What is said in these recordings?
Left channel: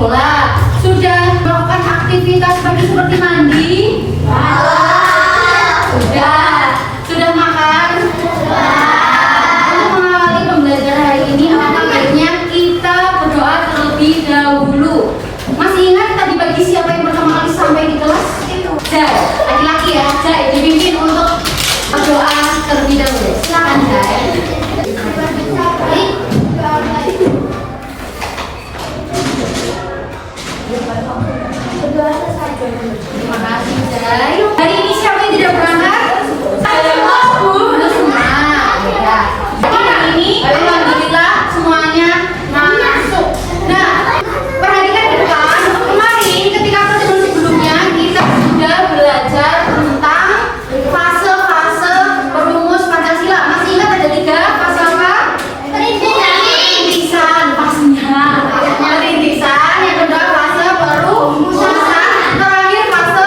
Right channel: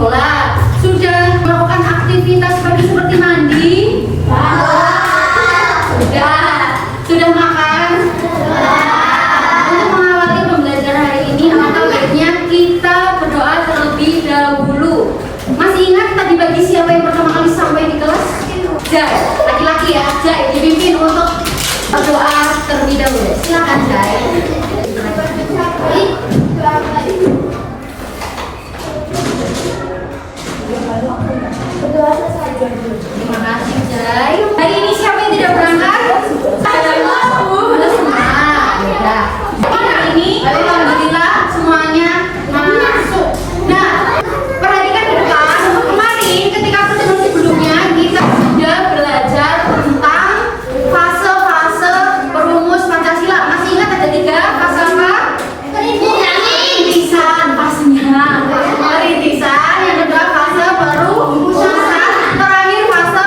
bola. Sudah melakukan aktivitas seperti mandi? Sudah makan? Untuk mengawali pembelajaran hari ini, alangkah baiknya kita berdoa terlebih dahulu. Masih ingat tadi pagi siapa yang pertama kali sampai di kelas? Jai, laki-laki ya. Jai dipimpin untuk berdoa terlebih dahulu. Silakan Jai. Terima kasih Jai. Hari ini siapa yang tidak berangkat? Belum semua. Ya. Hari ini alhamdulillah semuanya masuk. Nah, perhatikan ke depan. Kemarin ketika pertemuan sebelumnya kita sudah belajar tentang fase-fase perumus Pancasila. Masih ingat ada 3 fase apa? Perintisan pastinya. Perintisan, yang kedua fase perumusan, terakhir fase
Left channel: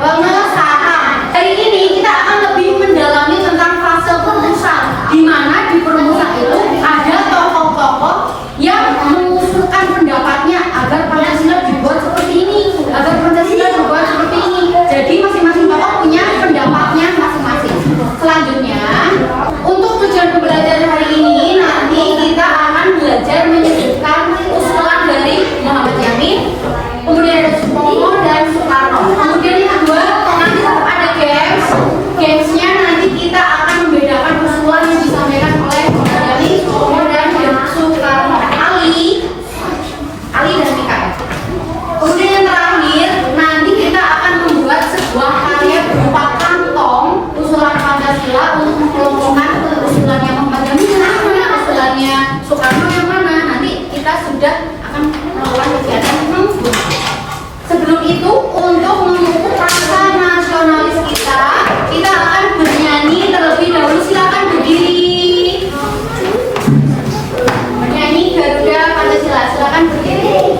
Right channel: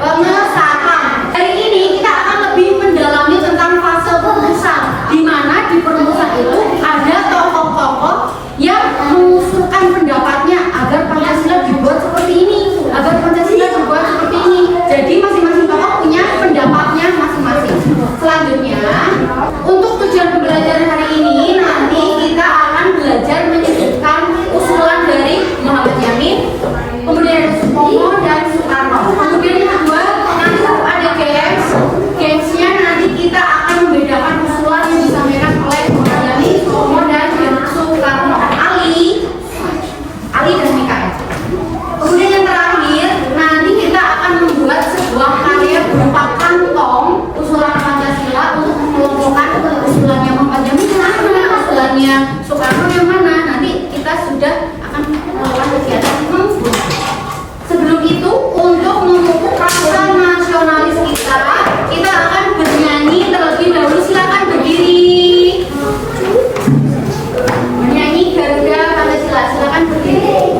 pengesahan. Hari ini kita akan lebih mendalami tentang fase perumusan, di mana di perumusan itu ada tokoh-tokoh yang mengusulkan pendapatnya agar Pancasila dibuat seperti ini, agar Pancasila dibuat seperti ini. Jadi masing-masing tokoh punya pendapatnya masing-masing. Selanjutnya, untuk tujuan pembelajaran hari ini nanti kita akan belajar menyebutkan usulan dari Muhammad Yamin, kemudian ada Supomo dan Soekarno. Kemudian yang kedua, nanti ada games. Gamesnya nanti kita akan membedakan usulan yang disampaikan oleh Muhammad Yamin, Supomo dan Soekarno, Ali dan Mikael. Kemudian yang terakhir, nanti kita akan membuat sebuah karya berupa kantong usulan Pancasila untuk mengelompokkan usulannya Muhammad Yamin yang mana, usulannya Soekarno yang mana. Nanti kita sudah akan melakukan kegiatan membuat. Sebelum itu, untuk memupuk rasa nasionalis kita akan bernyanyi terlebih dahulu. Silakan berdiri. Bernyanyi Garuda Pancasila. Silakan berdiri.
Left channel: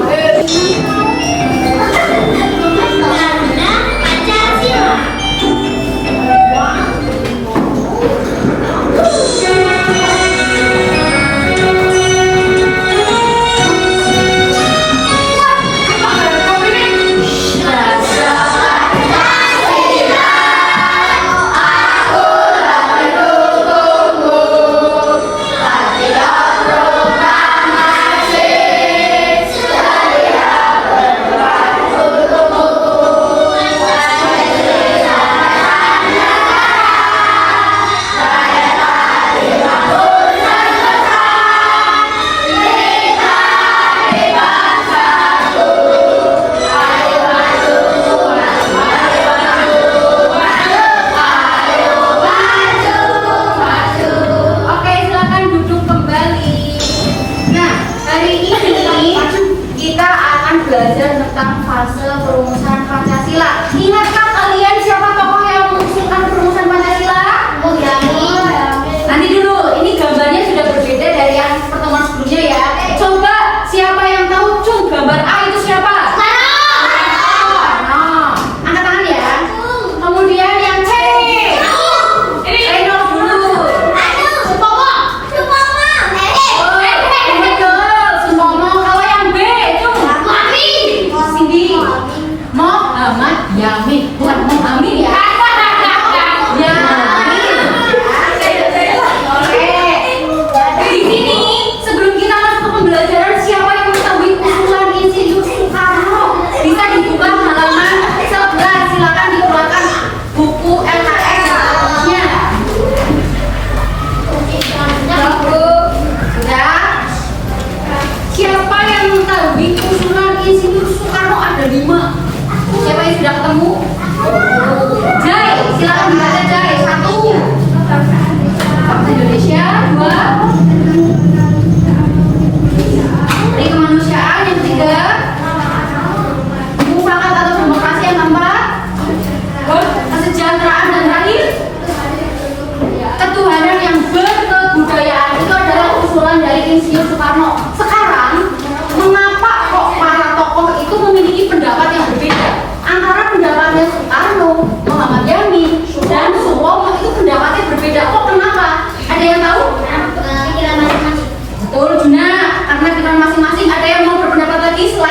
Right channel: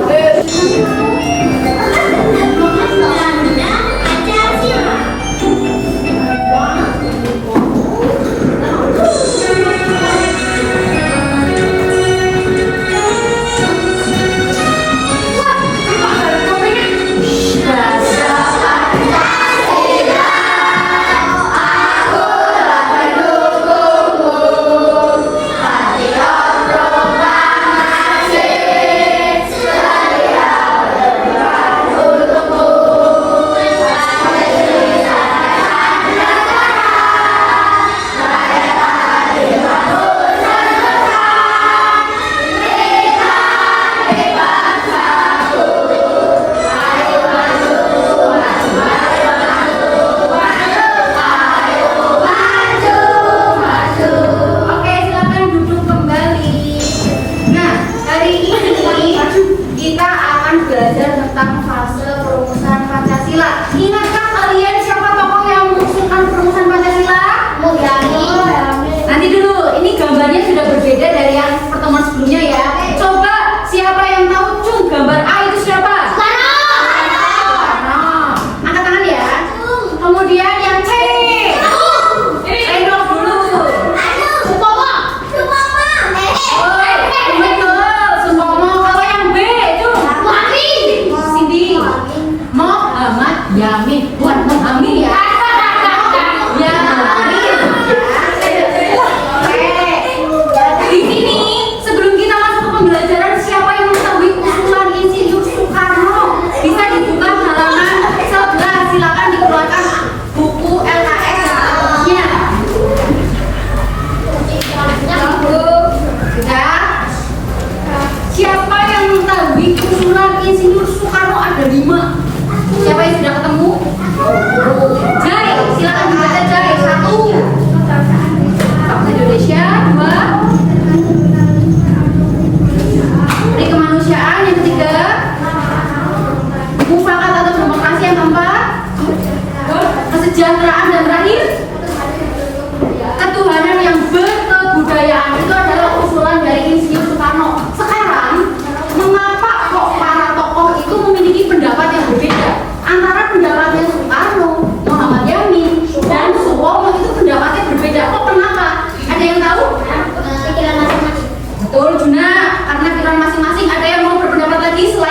Belajar tentang fase perumusan Pancasila. Ingatkah kalian siapa tokoh yang mengusulkan perumusan Pancasila? Nanti dulu, ini gambarnya sudah berbeda dari yang pertemuan sebelumnya ya. Coba siapa yang tahu cung gambar A itu siapa? Soekarno. Angkat tangan ya. Kemudian yang C. Reynold dulu. Supomo. Betul, Supomo. Kalau yang B itu Cindy. Muhammad Yamin, bukan Muhammad ya. Oke. Di sini sebelum kita masuk ke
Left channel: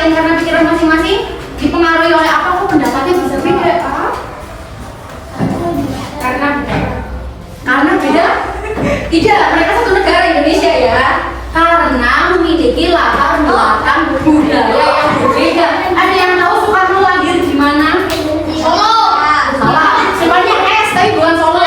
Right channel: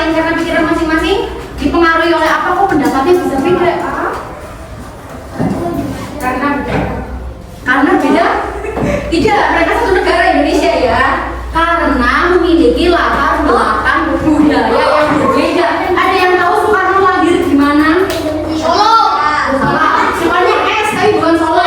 selain karena pikiran masing-masing dipengaruhi oleh apa kok pendapatnya bisa beda? Karena beda? Tidak, mereka satu negara Indonesia ya. Karena memiliki latar belakang budaya yang berbeda. Ada yang tahu Soekarno lahir di mana? Solo. Salah. Semuanya S tapi bukan Solo.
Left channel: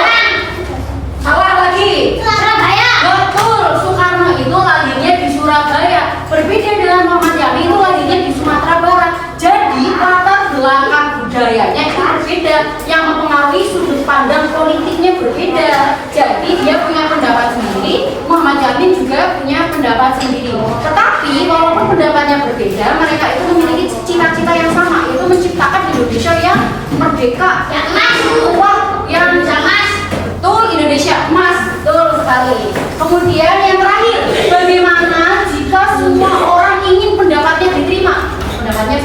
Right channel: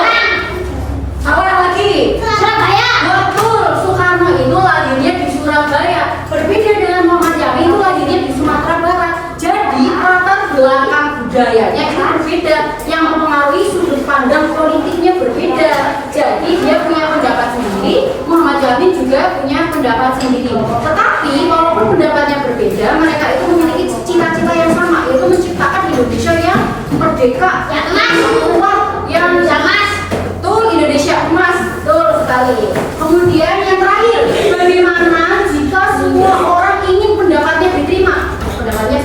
Salah lagi. Surabaya. Betul. Soekarno itu lahirnya di Surabaya. Berbeda dengan Muhammad Yamin itu lahirnya di Sumatera Barat. Jadi latar belakang budayanya itu berbeda. Yang mempengaruhi sudut pandang politiknya berbeda. Jadi dia punya pendapat sendiri. Muhammad Yamin juga punya pendapat sendiri. Tetapi walaupun pendapatnya berbeda, mereka itu memiliki cita-cita yang sama, yaitu menciptakan Indonesia yang merdeka, yang emas, kuat, yang emas. Betul, Indonesia emas, betul sekali. Kemudian yang terakhir, bagaimana jika semua orang ingin pendapatnya diterima? Pendapatnya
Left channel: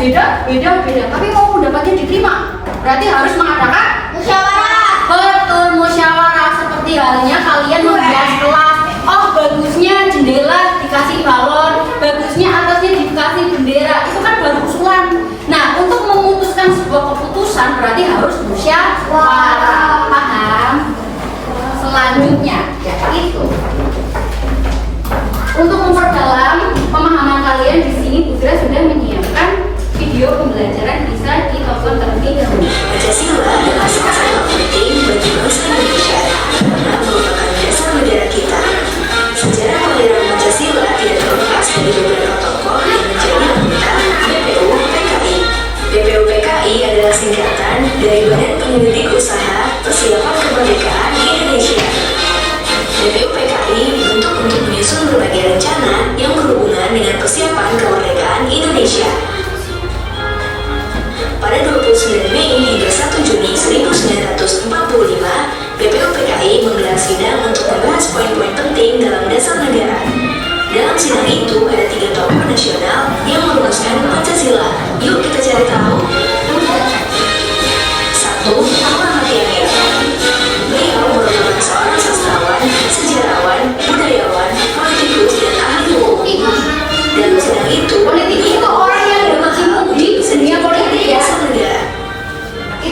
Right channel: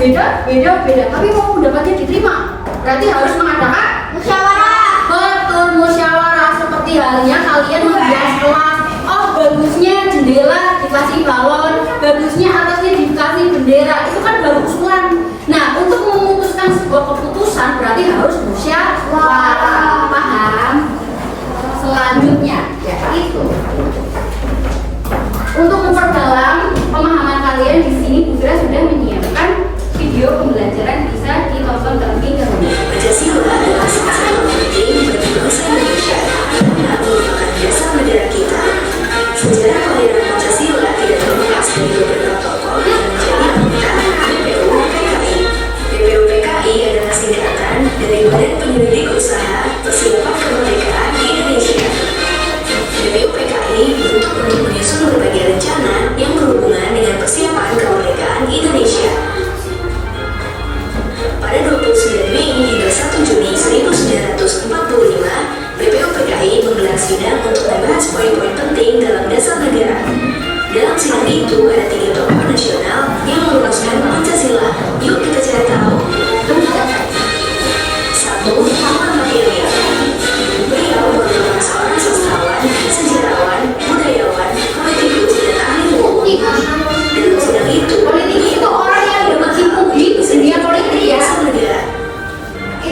beda, tapi mau pendapatnya diterima, berarti harus mengadakan musyawarah. Betul, musyawarah. Seperti halnya kalian membuat kelas. Oh, bagusnya jendela dikasih balon, bagusnya atasnya dikasih bendera. Itu kan baru usulan. Nah, untuk memutuskan sebuah keputusan berarti harus musyawarah. Paham? Selanjutnya, yaitu untuk memperdalam pemahaman kalian di sini, Bu Fira sudah menyiapkan video pembelajaran, bisa ditonton terlebih dahulu. Pancasila adalah sama-sama penting bagi bangsa Indonesia karena merupakan dasar negara kita. Sejarah kelahiran Pancasila tidak terlepas dari beberapa tokoh yang menjadi anggota BPU PKI. BPU PKI adalah singkatan dari Badan Penyelidik Usaha Persiapan Kemerdekaan Indonesia. BPU PKI dibentuk untuk menyusun berbagai rencana yang berhubungan dengan persiapan kemerdekaan Indonesia. Pada 29 Mei hingga 1 Juni 1945, BPU PKI menggelar sidang untuk membahas poin-poin penting dalam dasar negara. Dalam sidang itu ada 3 tokoh nasional yang merumuskan Pancasila. Yuk kita cari tahu. 1. Muhammad Yamin. Beliau merupakan seorang sastrawan, sejarawan, budayawan, politikus, dan ahli hukum. Dalam sidang itu, Politik itu orang yang berkecimpung di dunia politik ya.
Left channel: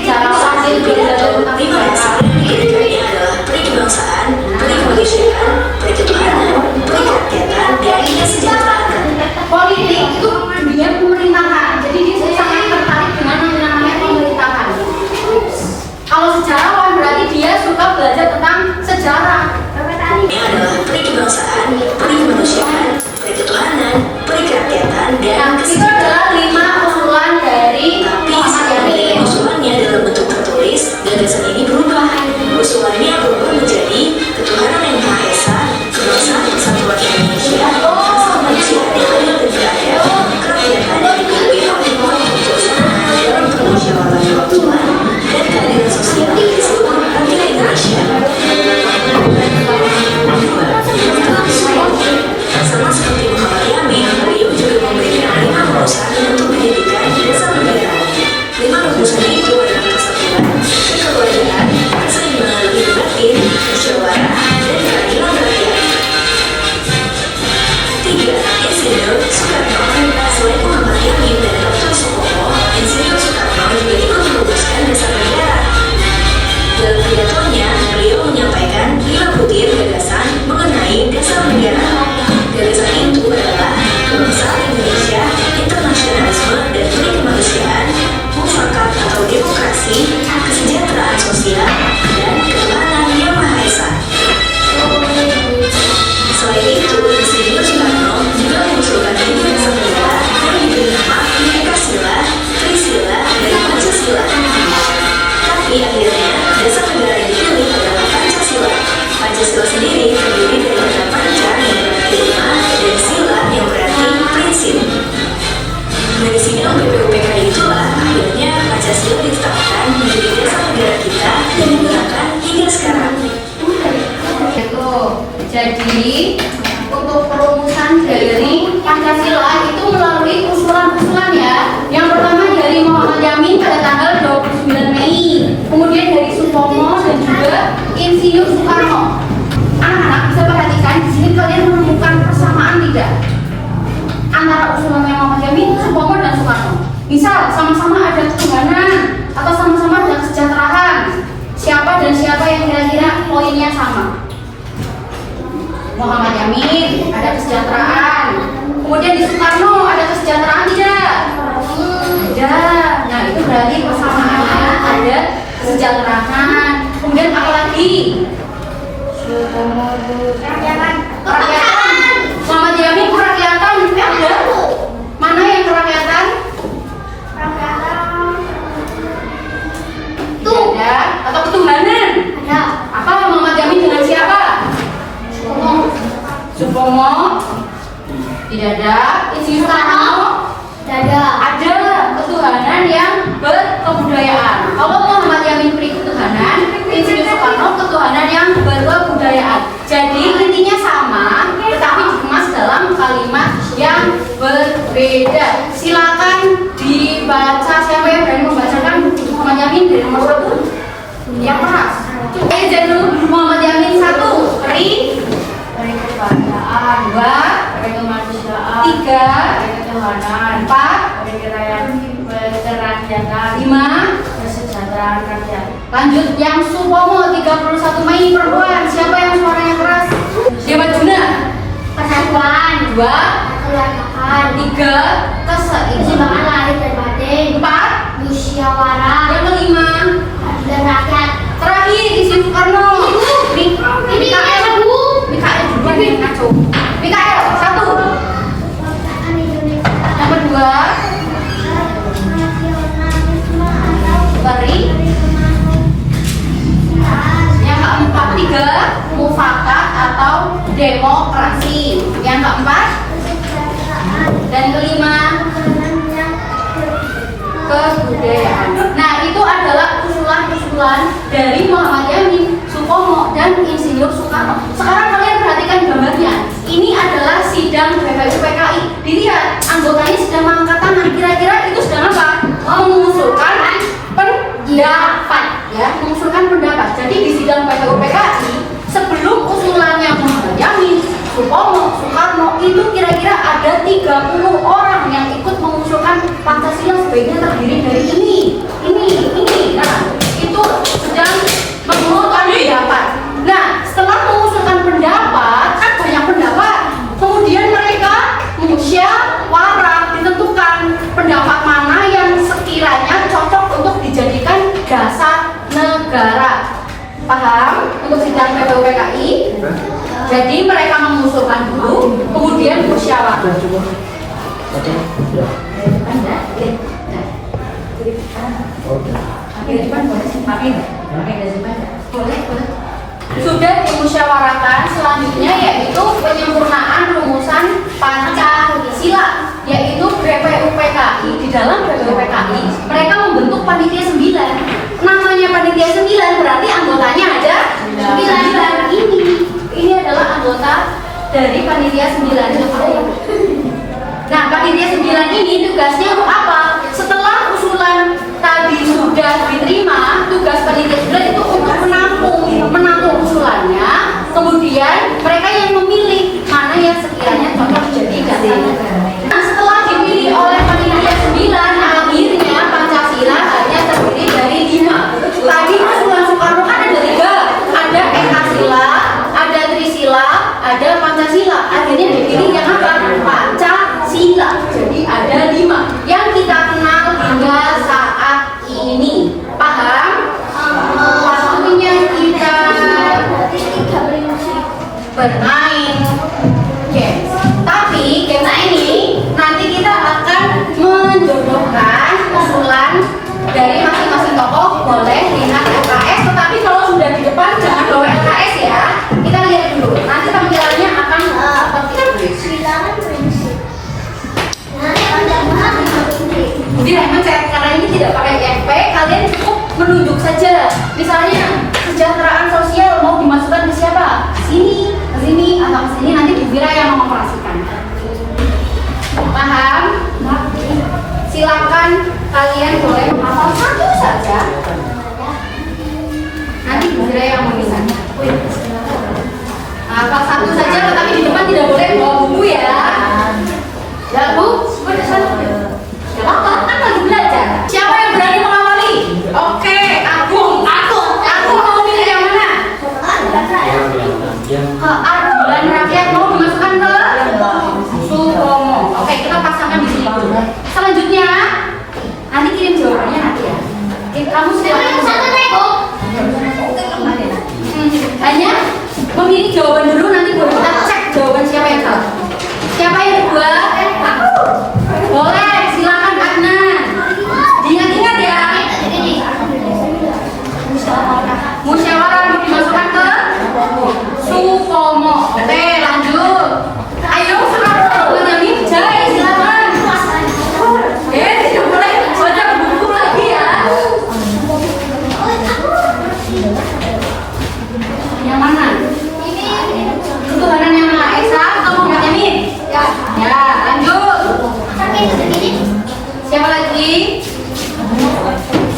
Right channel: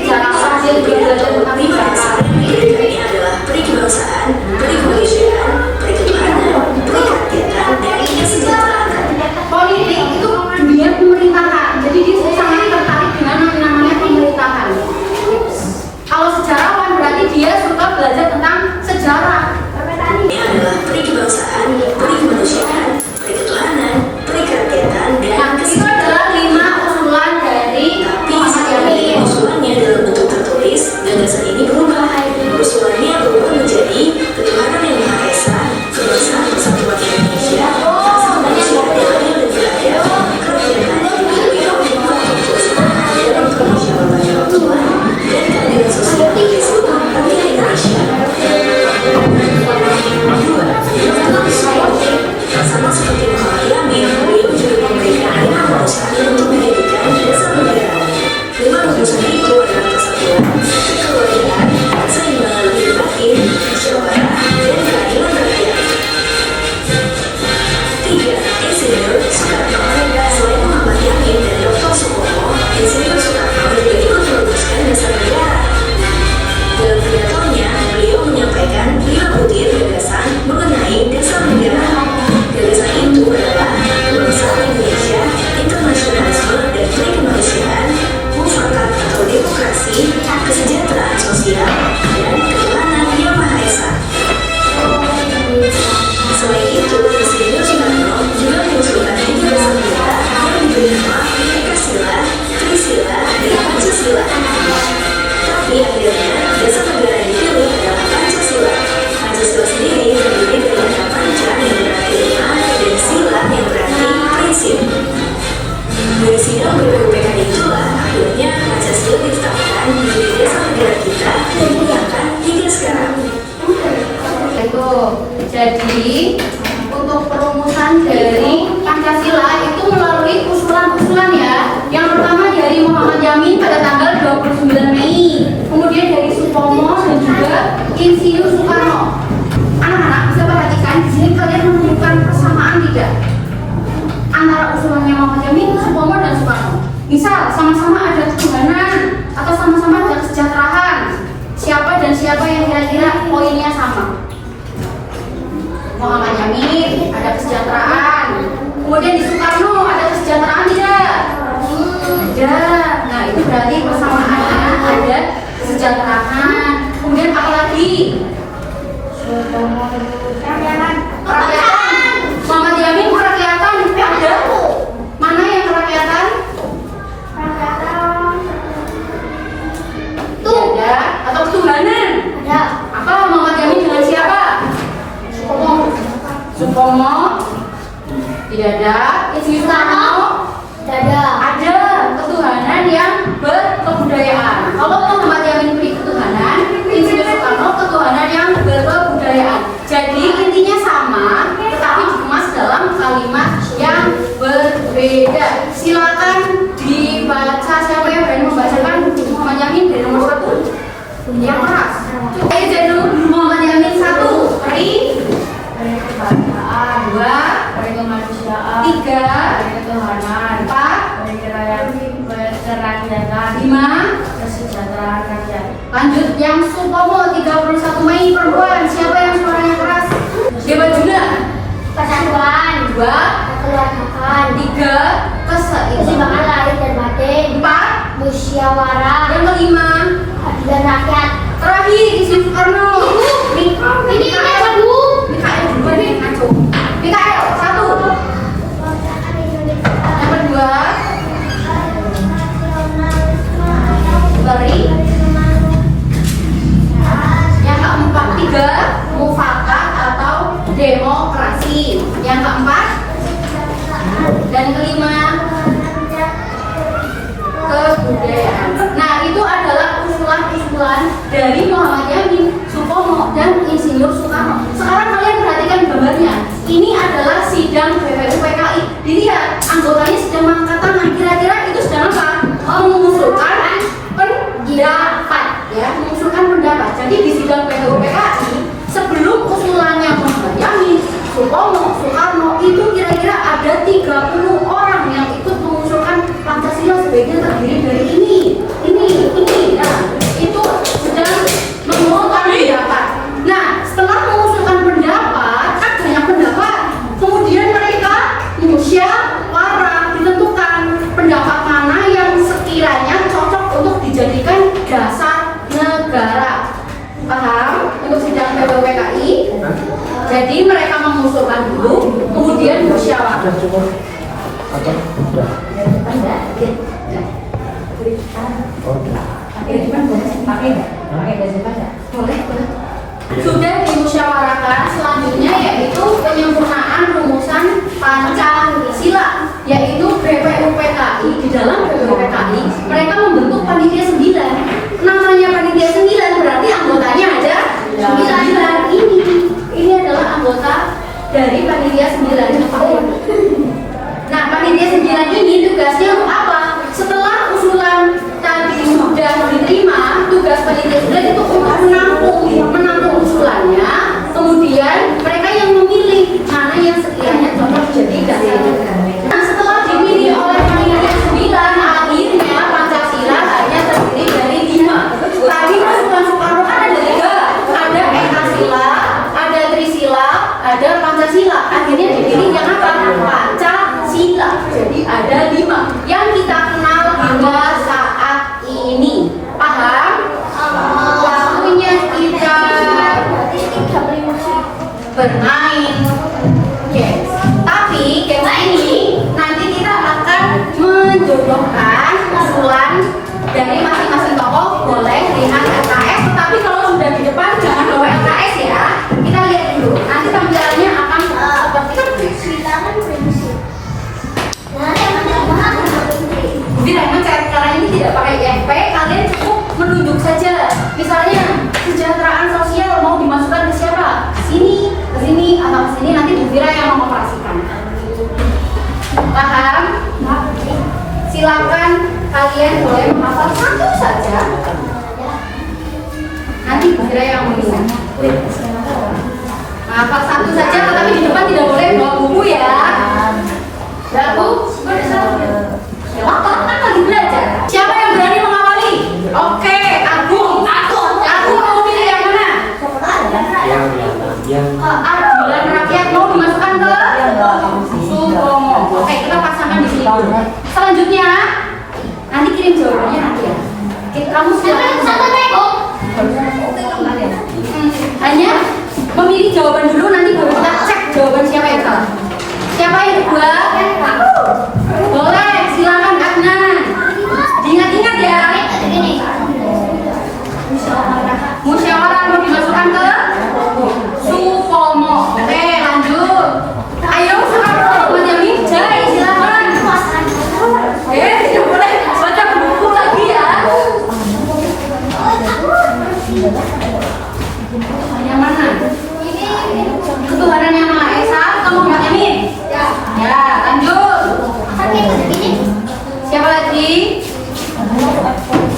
Jangan sampai belajar tentang Lima dasar pendidikannya adalah perikebangsaan, perikemanusiaan, periketuhanan, perirakyatan, dan kesejahteraan. politik itu dunia pemerintahan. Jadi dia sangat tertarik dengan yang namanya pemerintahan. Kalau sejarawan berarti dia suka belajar tentang sejarah. Ini adalah perikebangsaan, perikemanusiaan, periketuhanan, perirakyatan, dan Nah, itu adalah 5 usulan dari Muhammad Yamin. usulannya dalam bentuk tertulis, gagasan ini berubah. Usulannya berubah menjadi ketuhanan yang Maha Esa, kebangsaan persatuan Indonesia, asal manusia yang adil dan beradab, kerakyatan yang dipenuhi oleh kekuasaan dalam permusyawaratan Tuhan, dan keadilan sosial di seluruh rakyat Indonesia. Sama seperti Muhammad Yamin, beliau juga memberikan 5 rumusan untuk mendirikan dasar negara. 5 rumusan itu adalah persatuan, kekeluargaan, keseimbangan lebih batin, musyawarah, dan keadilan rakyat. 3. Insinyur Soekarno. Selain Muhammad Yamin dan Dr. Sutomo, Insinyur Soekarno juga ikut merumuskan dasar negara. Dalam pidatonya, beliau menyampaikan 5 butir gagasan mengenai dasar negara. Gagasan itu adalah kebangsaan Indonesia, internasionalisme dan perikemanusiaan, mufakat atau demokrasi, kesejahteraan sosial, dan ketuhanan yang Maha Esa. Selain itu, Insinyur Soekarno juga mengusulkan 3 dasar negara yang diberi nama Ekasila, Trisila, dan Pancasila. Tapi akhirnya dasar negara yang dipilih adalah Pancasila. Pancasila sendiri terdiri dari kata panca yang berarti 5 dan sila yang berarti prinsip. Dari sidang BPU PKI itulah akhirnya Pancasila ditetapkan menjadi dasar negara kita dan digunakan hingga sekarang. Itu jadi untuk perumusan dari Pancasila itu melalui usulan-usulan ya. Yang pertama dari Muhammad Yamin pada tanggal 29 Mei, kemudian dari Sutomo dan juga Insinyur Soekarno. Anak-anak bisa perhatikan di sini kalian menemukan persamaan tidak antara usulannya Muhammad Yamin, Sutomo dan Misal sama-sama ada ketuhanan atau sama-sama ada kesejahteraan. Siapa dan siapa yang kira-kira poinnya sama? Muhammad Yamin ada kesejahteraan. Kemudian di Soekarno ada kesejahteraan tidak? Ada. Nah itu berarti persamaannya ada kesejahteraan. Kemudian apa lagi? Kerakyatan. Muhammad Yamin kerakyatan ada. Mana yang kerakyatan? Tuh ada. Atau ketuhanan? Ada. Apa Muhammad Yamin dengan siapa? Supomo. Tidak ada. Soekarno. Tidak ada. Ada ketuhanan yang berkebudayaan. Kalau Muhammad Yamin beri ketuhanan, Insinyur Soekarno ketuhanan yang berkebudayaan. Jadi intinya sama, tetapi dikemas dalam kalimat yang berbeda. Silakan dibaca. Siapa yang berani membacakan Muhammad Yamin dari nomor 1? Yang keras. Jadi Muhammad Yamin 1. Ri. Kebangsaan. 2. Kemanusiaan. 3. Ketuhanan. 4. Kerakyatan. 5. Kesejahteraan rakyat. Lanjut yang Supomo 31 Mei perempuan. Siapa yang suaranya keras? Siapa Juna? Persatuan. 2. Keluargaan. 3. Keseimbangan lahir dan batin. 4. Musyawarah. Yang kelima dan rakyat. Terakhir Insinyur Soekarno. Ini apa Bu? Mikael dulu deh ngaco. Mikael 1. Yang kedua Bari. Yang keempat 3 mufakat atau demokrasi. Yang keempat dan kelima kebudayaan. Nah itu adalah usulan-usulan dari Muhammad Yamin, Supomo dan Insinyur Soekarno. Sekarang kalian perhatikan gambarnya. Ini adalah sidang BPUPKI. Dilihat anggotanya sedang mengangkat tangan. Kira-kira itu sedang apa? Mengusulkan pendapat, ya, mengusulkan pendapat. Jadi di sidang BPUPKI sebelum usulannya Muhammad Yamin, Supomo, Soekarno itu kira-kira ada 30 orang yang ikut mengusulkan Pancasila sebaiknya terdiri dari ini. Nah, itu sedang mengusulkan pendapat. Nah, setelah mengusulkan pendapat, kan banyak pendapat. Kemudian mereka musyawarah, ditentukan pendapat mana yang sekiranya cocok untuk dijadikan dasar negara. Paham? Untuk sidang BPUPKI. Jadi mereka mengusulkan dulu, kemudian musyawarah. Sudah dimusyawarahkan, selanjutnya yaitu penyempurnaan rumusan Pancasila, yaitu BPUPKI. Di dalam BPUPKI mereka membentuk panitia 9. Namanya panitia 9 berarti anggotanya ada 9. Ini adalah anggota dari panitia 9. Nah, panitia 9 ini tugasnya untuk apa? Setelah usulan tadi sudah diterima, tugas panitia 9 itu untuk menampung usulannya. Kemudian mereka yang memilih mana yang sekiranya cocok jadi dasar negara. Nah, setelah dipilih oleh panitia 9, akhirnya Pancasila hanya terdiri dari 5. Tadi usulan Soekarno kan ada 3, ada Ekasila, ada Trisila, ada Pancasila. Akhirnya dipilih yang apa? Pancasila. Jadi ada 5 yang kita kenal hingga saat ini. Paham? Waktunya kita bermain games. Tapi games ini nanti kita akan menjodohkan usulan dari masing-masing tokoh. Boleh dengan LKS, tetapi kalau sudah di depan jangan bawa LKS ya. Kita lihat dulu. Nanti tampilannya akan seperti itu. Silakan prinsip. Jadi mencet karena ini tidak pakai IFP, kalian cukup menunjuk saja. Misalnya kesejahteraan sosial mau dimasukkan ke siapa? Ke sini atau ke sini, nanti Bu Vira yang mengoperasikan. Paham? Silakan kalian boleh menghafal satu saja. Nanti Bu Vira yang meminta. Hafal satu saja, tetapi di depan tidak boleh bawa buku ya. Ya Bu, kan lagi belajar. selanjutnya nanti kirim jawabannya nanti ya. Kamu hanya memilih jawaban dulu, nanti baru kita cek jawaban siapa yang salah. Siapa yang kedua? Boleh, silakan Adnan. Diingat-ingat ya. Musyawarah mau dimasukkan ke Supomo. Oke, lanjut. Ayo surat Benyamin Jai, silakan. Tidak boleh baca buku lagi ya. Yang mana? Ketuhanan yang Maha Esa, kamu Benyamin? Ya. Ya, lanjut. Siapa lagi?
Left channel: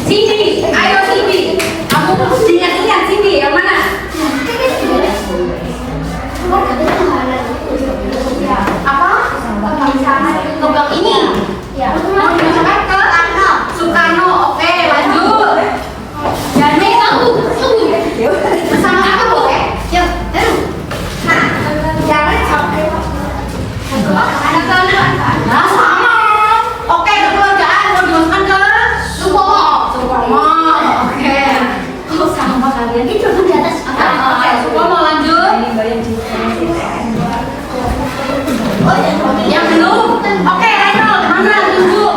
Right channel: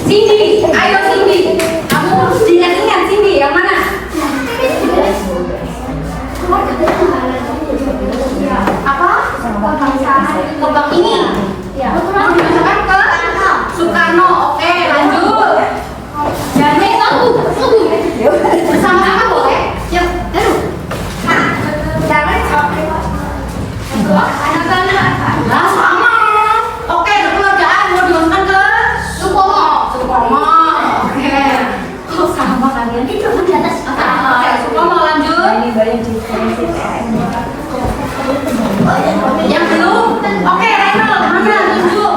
Cindy, ayo Cindy. Kamu diingat-ingat Cindy, yang mana? Apa? Lubang ini. Mau dimasukkan ke Soekarno. Oke, lanjut. Jadi bersama apa boleh? Ya, nah, sama. Oke, kekeluargaan mau dimasukkan ke Supomo. Oke. Oh, sama kalian. Itu di atas apa? Oke, Supomo lanjut. Yang belum? Oke, Renal, mana tunjuk?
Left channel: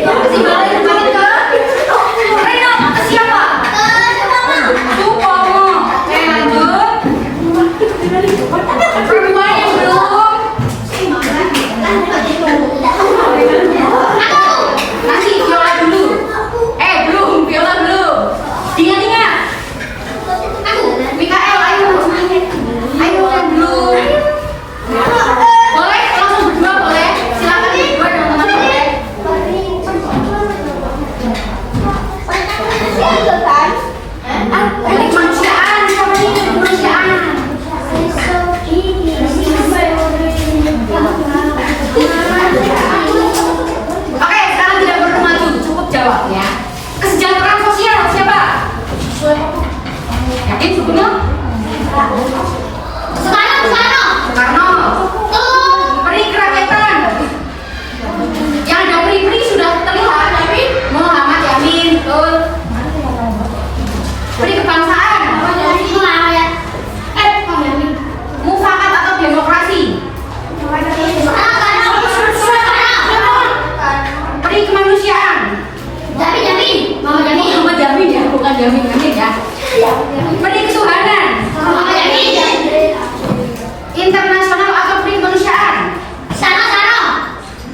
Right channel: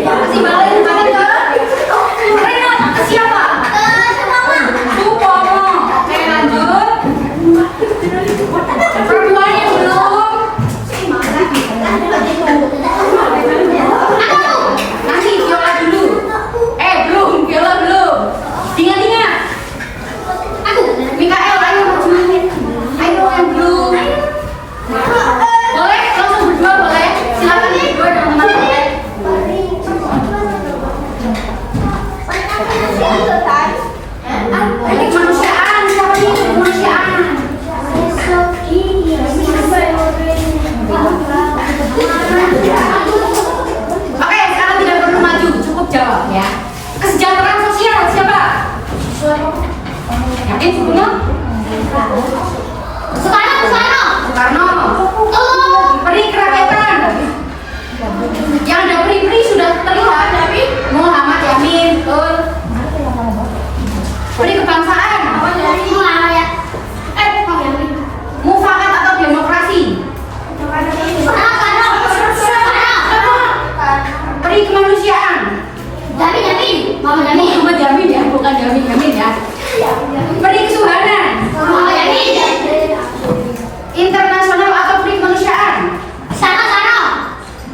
Kasih balik ke Renal, ke siapa? Supomo. Oke, lanjut. Perempuan yang belum? Nanti Viola dulu. Belum, Viola belum. Ingat-ingat. Mikael, ayo maju. Ayo yang belum. Boleh langsung berdua boleh. Silakan berdua dengan teman-teman. Kemanusiaan, siapa nih kemanusiaan? Oke, sekarang tidak perlu maju, cukup jawab ya. Kesejahteraan sosial siapa? Yakin sebutnya? Soekarno. Peri kerakyatan. Yang ada peri-peri sudah terlihat, tapi Muhammad Yamin, betul. Peri kebangsaan. Mufakat atau demokrasi? Peri kemanusiaan. Muhammad Yamin ya, bukan Yamin ya. Peri ketuhanan. Internasional atau peri kemanusiaan?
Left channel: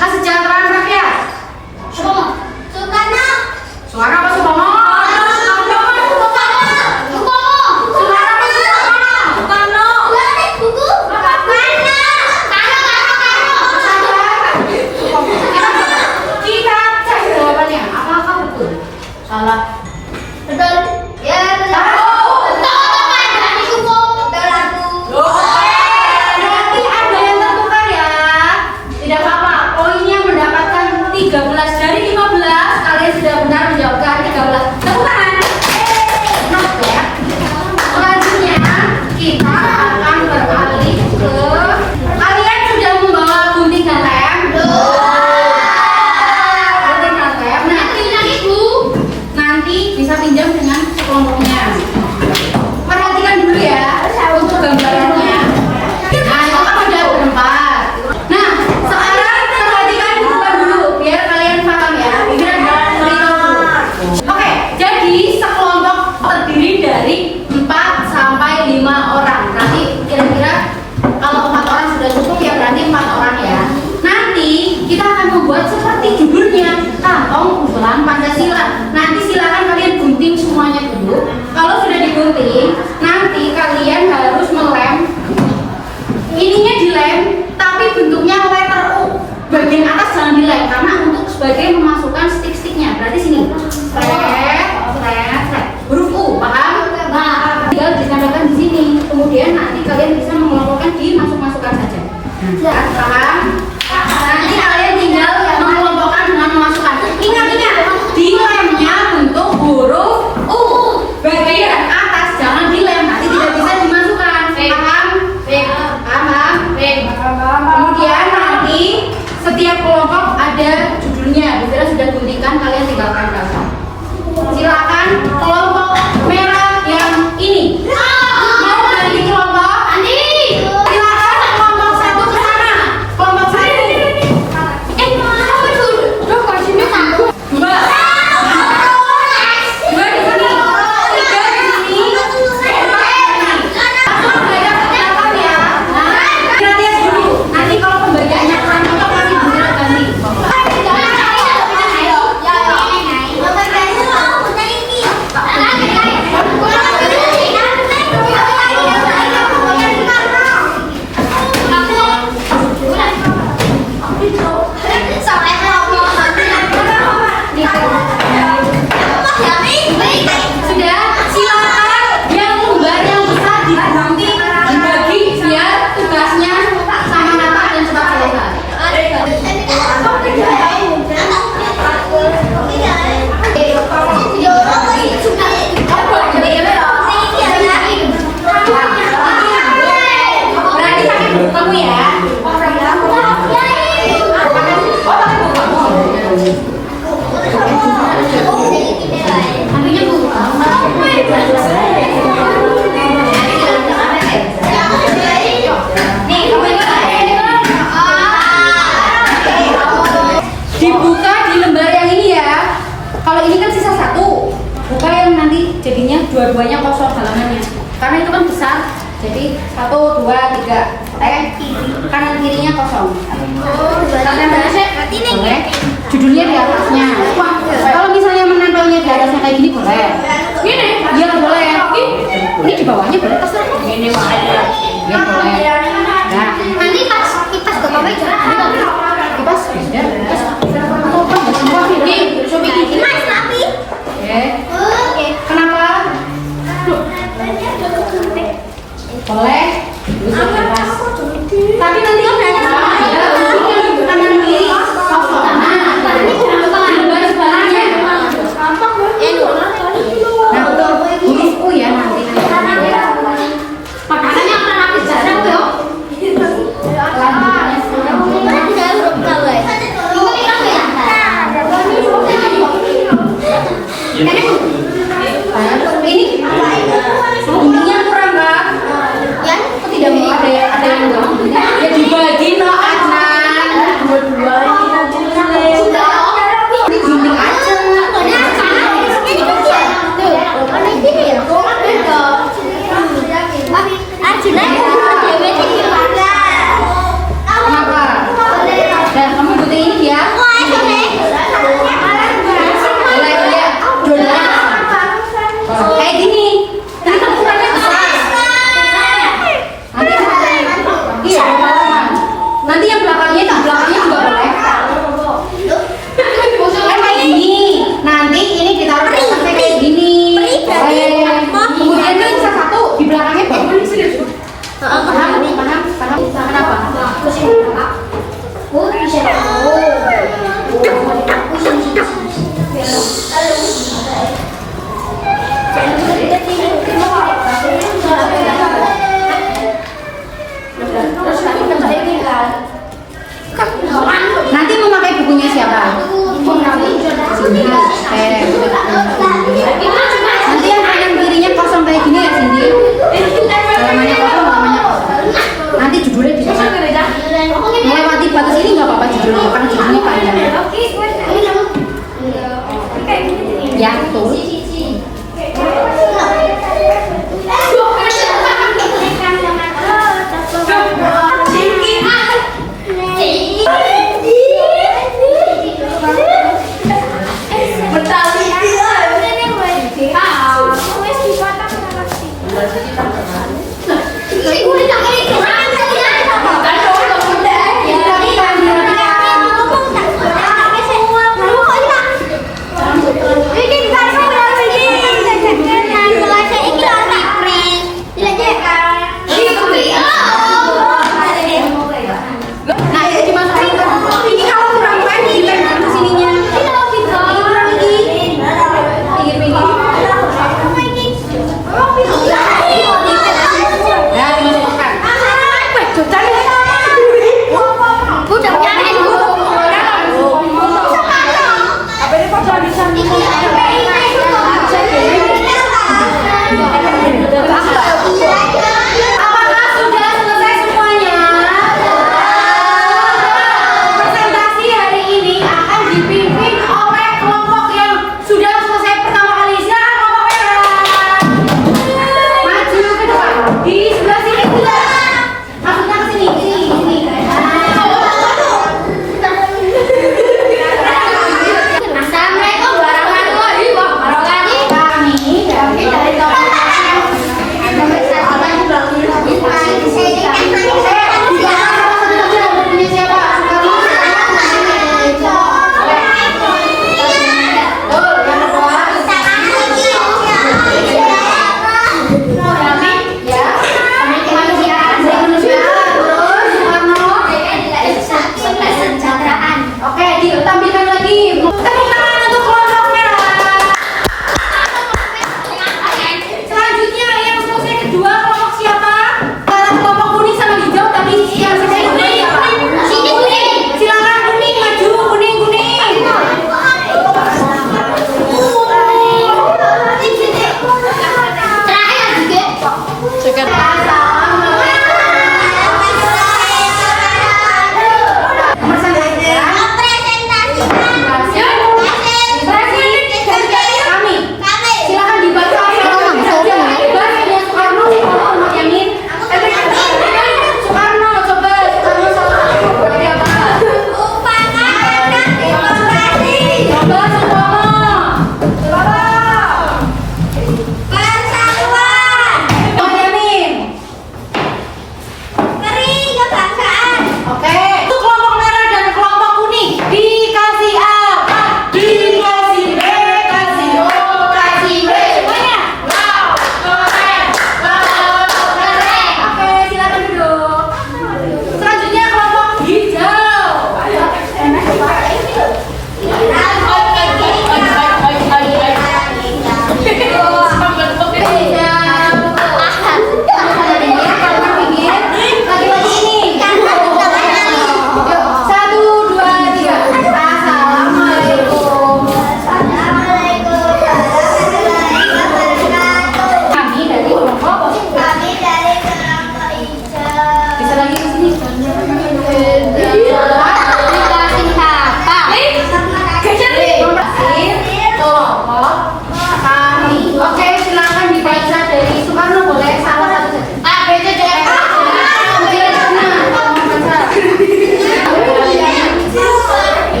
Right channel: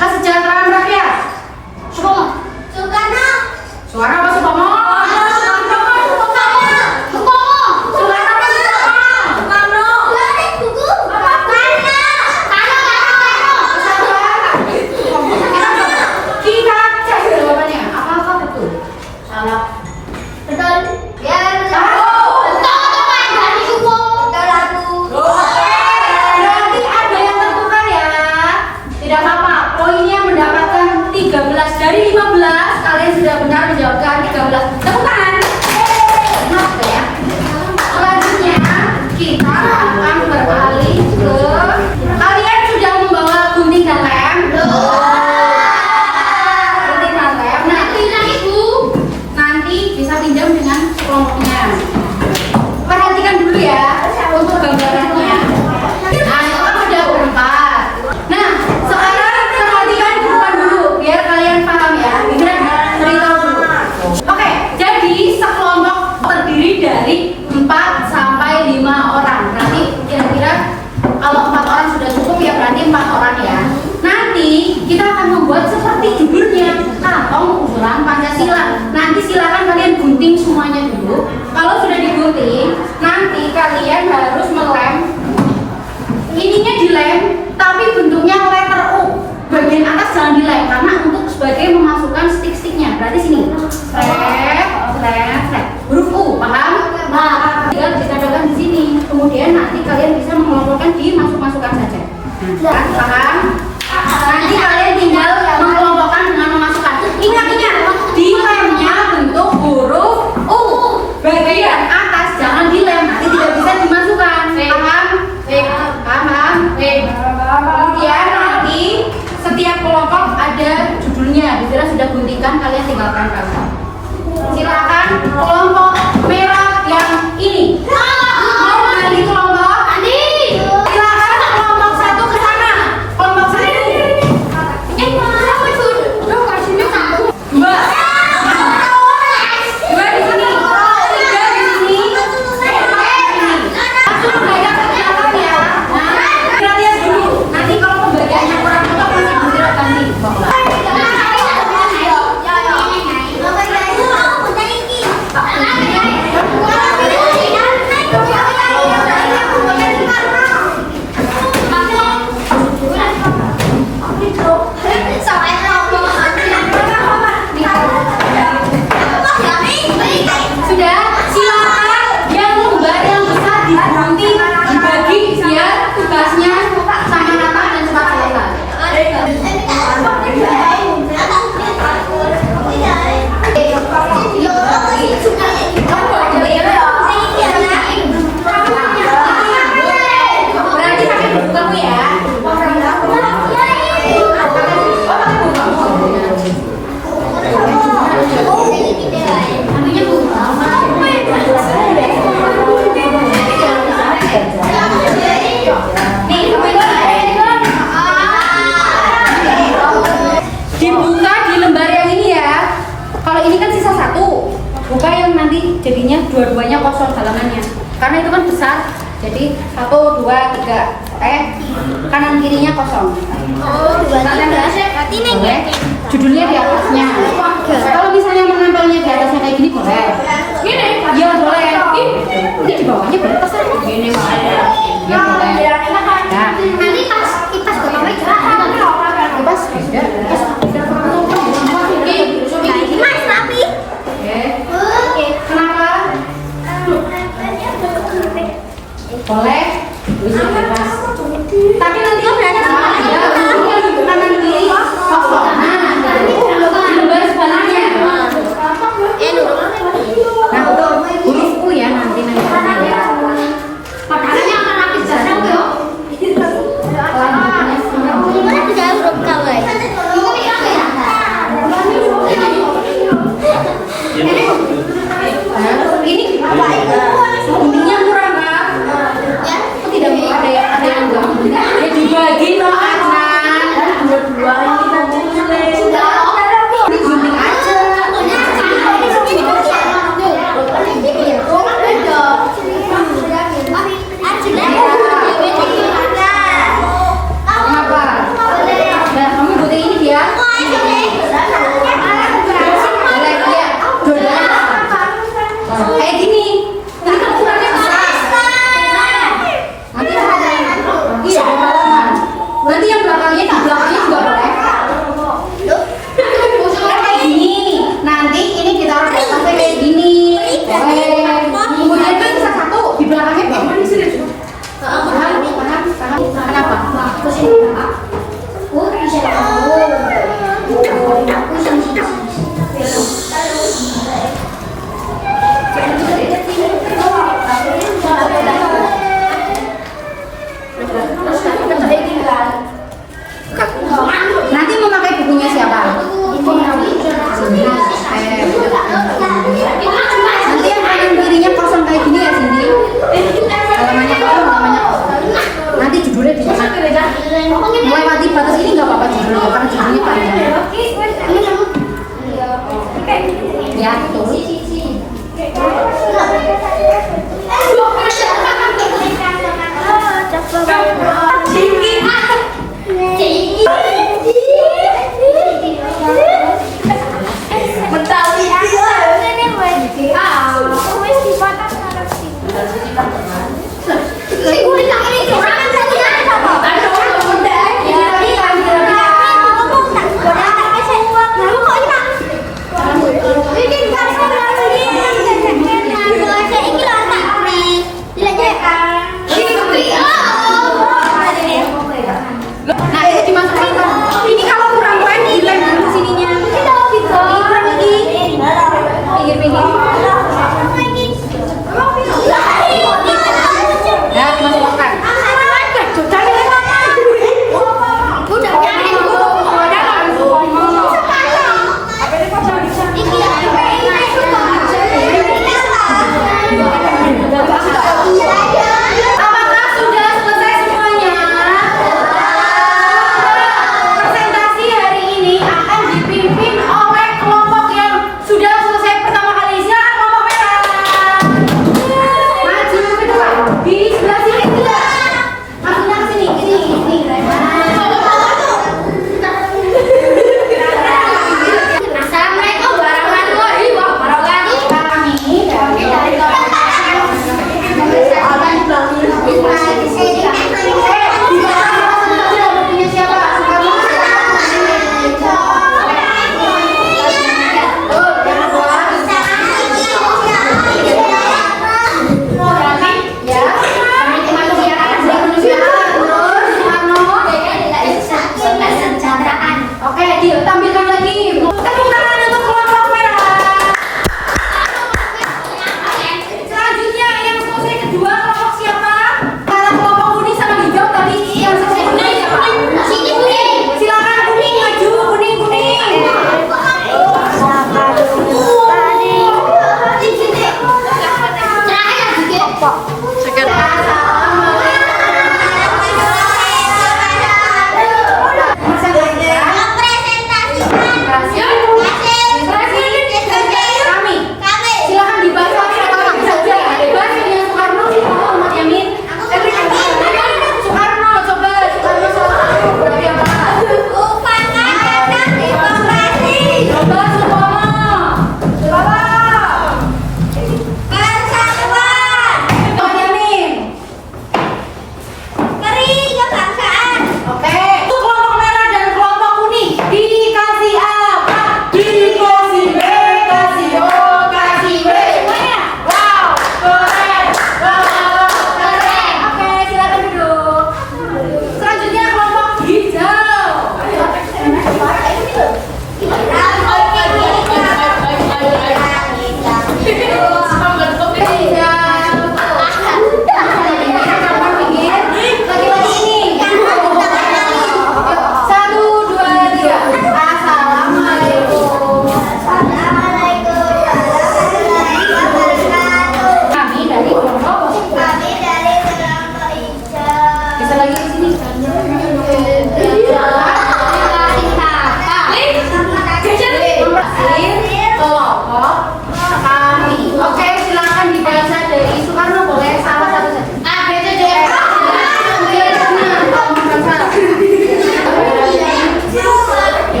Kesejahteraan rakyat. Suara apa Supomo? Kita cek jawabannya. Apakah betul? Salah. Betul. Ya, betul. Berarti ada yang tertukar ya. Tidak apa-apa. Poinnya mendapatkan 13 dari 15. Kalian sudah benar menjawabkan 13. Tepuk tangan. Kenapa ya? Selanjutnya kita akan beralih ke, kalian sudah membawa gunting dan lem? Gunting dan lem. Nanti bisa pinjam dengan kelompoknya. Perhatikan dulu ya untuk gambarannya. Nah, itu kan sudah berempat. Nah, sekarang perhatikan depan dulu biar kalian paham ya. Cerita dulu. Oke, jadi sekelompok terdiri dari 4 sampai 5 orang. Nanti kira-kira kalau 4 orang sudah cukup ya berarti 4 orang ya. Nanti kita akan membuat seperti judulnya, Kantong Kumpulan Pancasila. Nanti silakan kalian gunting semuanya dulu. Kalau sudah digunting, nanti kalian harus melem. Ininya dilem, tapi bentuknya letter U. Bagian atas jangan dilem karena untuk sebagai memasukkan stick-sticknya. Berarti sini. Huruf U, paham? Nah, tinggal ditempelkan di sini. Kemudian nanti kalian bisa mengelompokkan di masuk-masukkan saja. Paham? Nanti kalian tinggal mengelompokkan dengan memasukkan. Ingat-ingat, di lemnya bentuk huruf U. Bagian atas jangan dilem, nanti tidak bisa dimasukkan. Paham? Paham? Kemudian dibersihkan, kalian tinggal tempel. Silakan kelompok merah yang ini. Mau ganti kelompok? Silakan kelompok 1 ke sana. Kelompok 1. apa itu? Lo kasihnya satu. 2 di sini. 3 di sini. 4 langsung gaya ke belakang ya. Nah, lihat dulu. Nanti kalau pembagiannya kurang cocok nanti bisa ganti. Sudah, silakan yang lembar yang besar diganti, dibagi biar tugasnya sama rata dan cepat selesai. Berarti pakai buku kamu ya. Oh, pakai buku kamu. Ambilnya buku kamu. Nih, kamu dibuka di lembar yang ini ya. Kalau ini kan sisa 1, buka yang nanti jadinya dua-duanya kosong halamannya. Karena itu kan besar, jadi 1, 2, 3. Kanan kirinya kosong. Boleh. Judulnya di atasnya. Kalau misalnya menempelnya di atasnya kayak gini boleh. Gini? Iya boleh. Ini di bawahnya boleh terserah. Gini ada. Ya boleh. Nah, Nanti pas kipas ke bawah jangan. kipas beda. Kipas beda kurang sopan ya semua. Mas tapi. Oke. Kenapa? Boleh. Bisa kipas. Tapi nanti kanan kiri kosong. Nah, di lembar sebaliknya. Nah, untuk huruf U ya nanti. Mana tidak huruf K, guys? Nah, ini guntingnya kurang kan? Ya. Kok tidak ada yang enggak gunting? Ya dibagi no Adnan. Kan dua-duanya nanti boleh. Ini gunting aja. Kenapa? Nah, kamu gunting ini dia. Boleh ya. Dua-duanya. Kayak gini. Ini kan ukurannya besar. Nanti iya halaman. Nanti yang belakangnya di belakangnya juga boleh. Kan kayak gini. Nanti ini ditaruh di atasnya kayak gini. Boleh. Kemudian kan bisa 1 di belakangnya boleh. Paham? Kenapa? Nanti mau pakai bukunya siapa? Cindy. Nanti yang kanan kirinya kosong kayak gini ya Cindy. Halamannya kosong. Nanti judulnya di sana. Melewati batas ini nggak apa-apa judulnya, karena judulnya panjang. Ya betul. Ini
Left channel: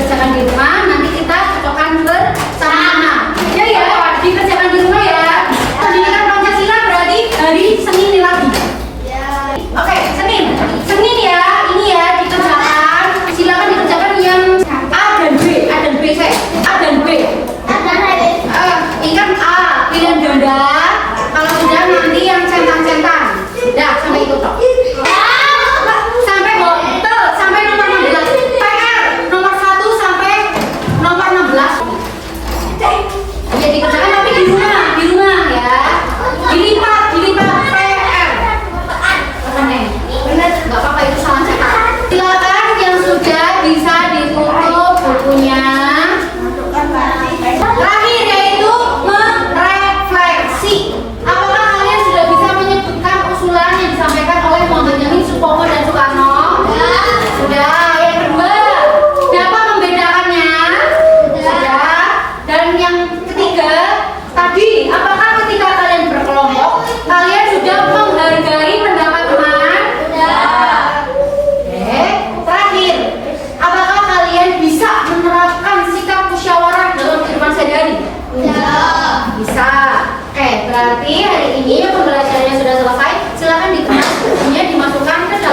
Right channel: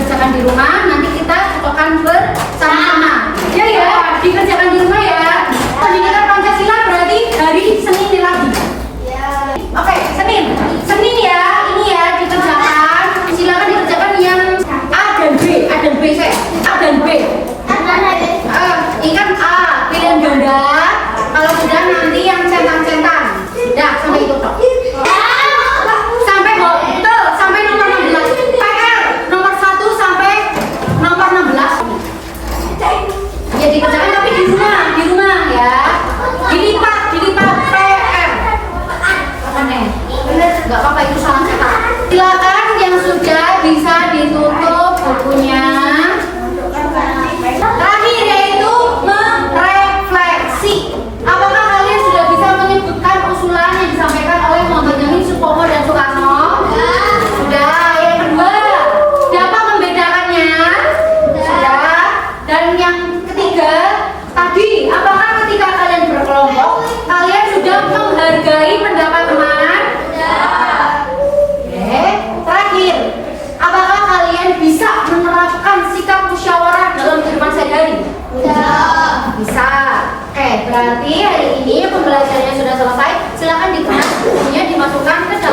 dikerjakan di rumah, nanti kita cocokkan bersama-sama. Ya, dikerjakan di rumah ya. Pendidikan Pancasila berarti hari Senin ini lagi. Oke, Senin ya, ini ya dikerjakan. Silakan dikerjakan yang A dan B saya. A dan B. Ingat A, pilihan ganda. Kalau sudah nanti yang centang-centang. Dah, sampai itu toh. Sampai betul, sampai nomor 16. PR nomor 1 sampai nomor 16. Ya dikerjakan tapi di rumah ya. Dilipat PR. Apa nih? Bener, nggak apa-apa itu salah cetak. Silakan yang sudah bisa ditutup bukunya. Terakhir yaitu merefleksi. Apakah kalian sudah bisa menyebutkan usulan yang disampaikan oleh Muhammad Yamin, Supomo, dan Soekarno? Sudah. Yang kedua, dapat membedakannya? Sudah. Dan yang ketiga, tadi apakah ketika kalian berkelompok kalian sudah menghargai pendapat teman? Oke. Terakhir, apakah kalian bisa menerapkan sikap musyawarah dalam kehidupan sehari-hari? Bisa. Oke, berarti hari ini pembelajarannya sudah selesai. Silakan dikemas bukunya, dimasukkan ke dalam